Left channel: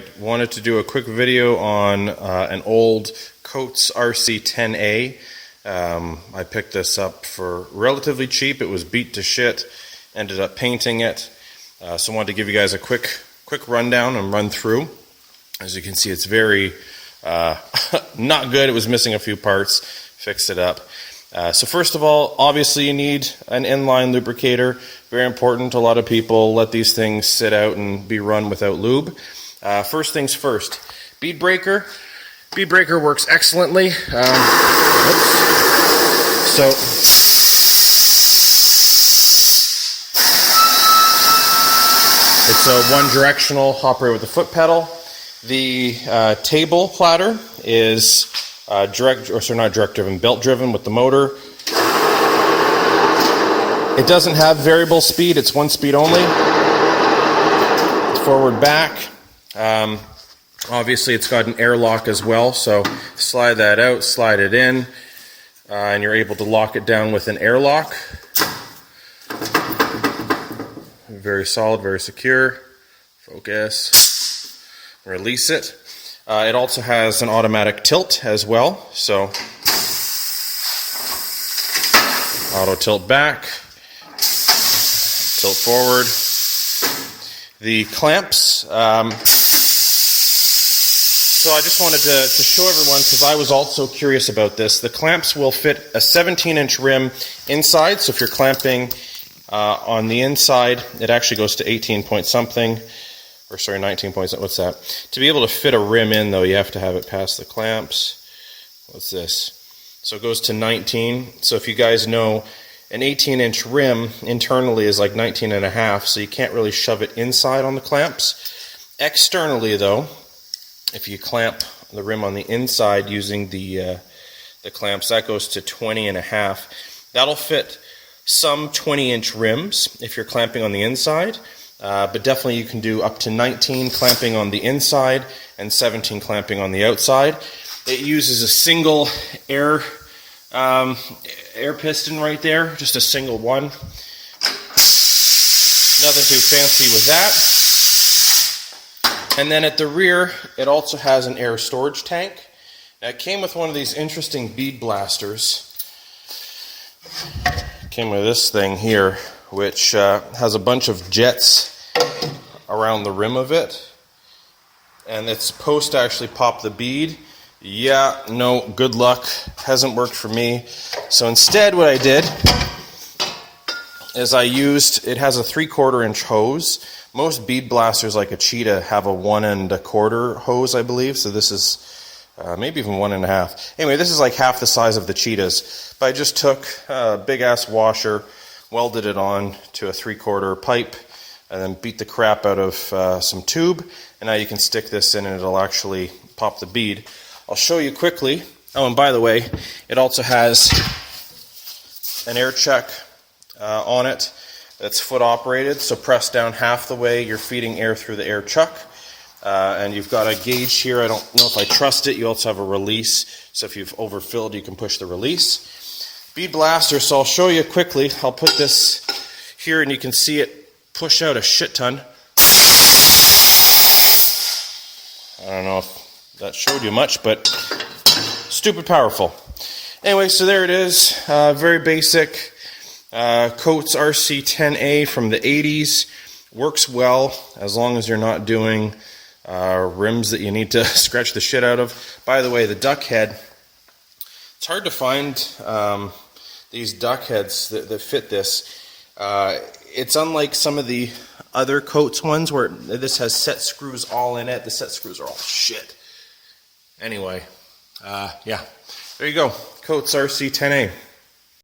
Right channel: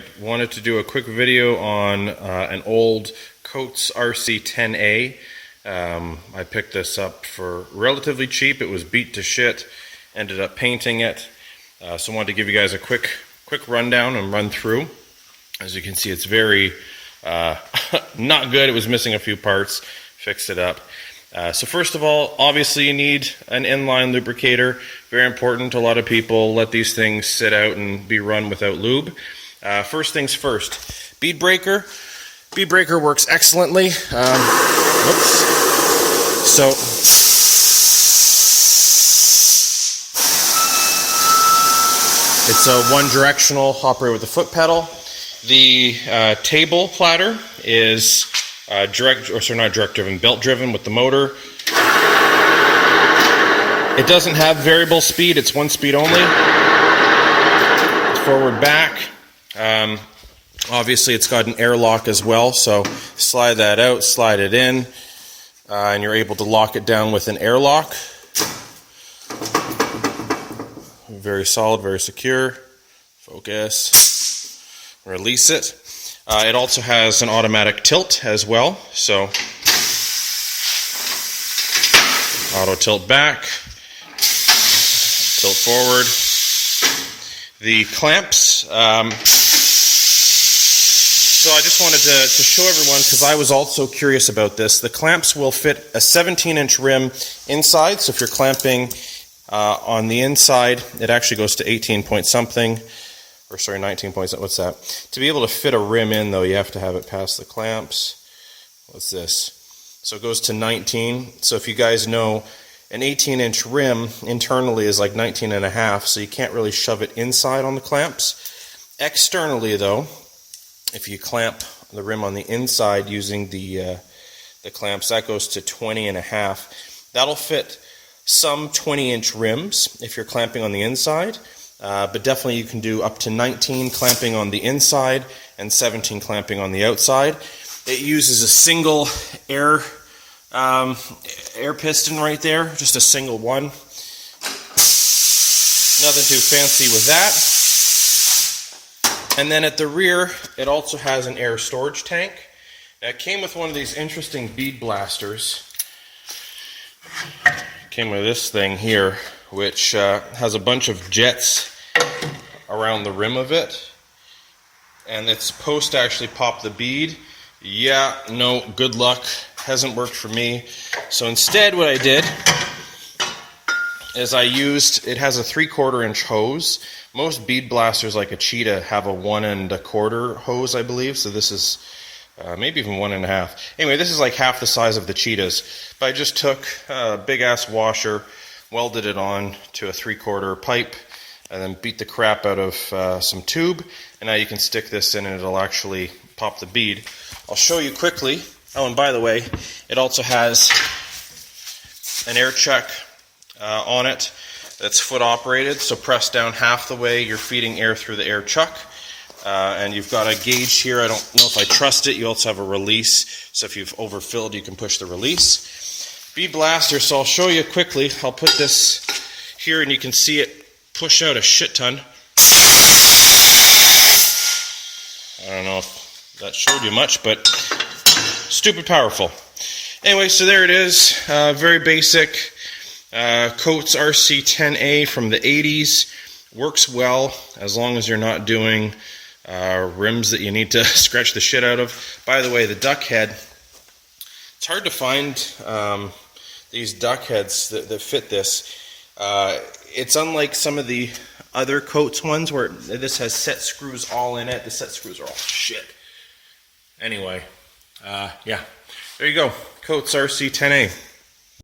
Alright, wanted to do a quick video on an old Coats RC-10a. I picked this up for relatively cheap. It was beat to shit. Ended up painting it. So I wanted to give you guys a quick rundown and run through. As you can see, it's very not good. It was missing a few parts. Fixed it up. So first of all, obviously you need an inline lubricator. Very important. A lot of people let these things sit out and be run without lube. First things first, bead breaker. Bead breaker works excellently. So it's a one-directional operator with the foot pedal. The table platter is belt driven with the motor. It doesn't have variable speed, it's one speed only. It's forward back. Obviously it's got an airlock as well, so slide that out, slide it in, and you're able to lock it down with an airlock. Very solid, very secure. Focus. Release it. It also has an automatic tilt as well, so auto tilt back, tilt forward. The clamps, so I just wanted to show everyone, because I was also curious about this, the clamps will fit a 17-inch rim inside, so if you're clamping on the inside, it actually goes to 18 point something. Or sorry, 19 points, what's that? To be able to fit a rim in, though, you have to have it past the clamps. What's this? So it goes to 19. So if you guys know, an 18-inch rim internally is like 19 and a half, so you can't really shove it inside on the clamps. Externally, though, if you clamp the rim on the inside using the clamps, that goes to 20 and a half. That'll fit some 20-inch rims if you're clamping on the inside. But definitely you can do up to 19 clamping on the inside and 17 clamping on the outside. It uses a single air piston right there, just a single one. Nothing too fancy with that. And then at the rear, it also has an air storage tank. Now, it came with one of these interesting bead blasters. It came with this thing here, which has a bunch of jets around the rim of it, and it's supposed to actually pop the bead. Yeah, no, good luck, hasn't worked for me. So instead what I did is it has a 3/4 inch hose. Most bead blasters like a Cheetah have a 1 1/4 hose, I believe, so this is maybe even 1 1/2. Anyway, this is like half the size of the Cheetahs, but I just took a big ass washer, welded it on to a 3/4 pipe, and then beat the crap out of some tube, and now you can stick this in and it'll actually pop the bead. I'll show you quickly. Oh, and by the way, it also has an air check on it that's foot operated, so press down half the way, you're feeding air through the air chuck, and you've got a gauge here. I don't know if I trust it. You also have a release, so if you've overfilled you can push the release. Bead blaster, so I'll show you quickly. I'll put this here and you can see it push out a shit ton. I don't know if that showed you much, but stupid powerful. Anyway, so there it is. Very basic Coats RC-10a from the 80s. Works well as long as you're not doing rims that you need to scratch the shit out of. By the way, the duck head, it's hard to find these duck heads that fit this. It's unlike some of the other Coats ones where this has set screws all in it. The set screws are all shit. Anyway, yeah, there you go. Coats RC-10a.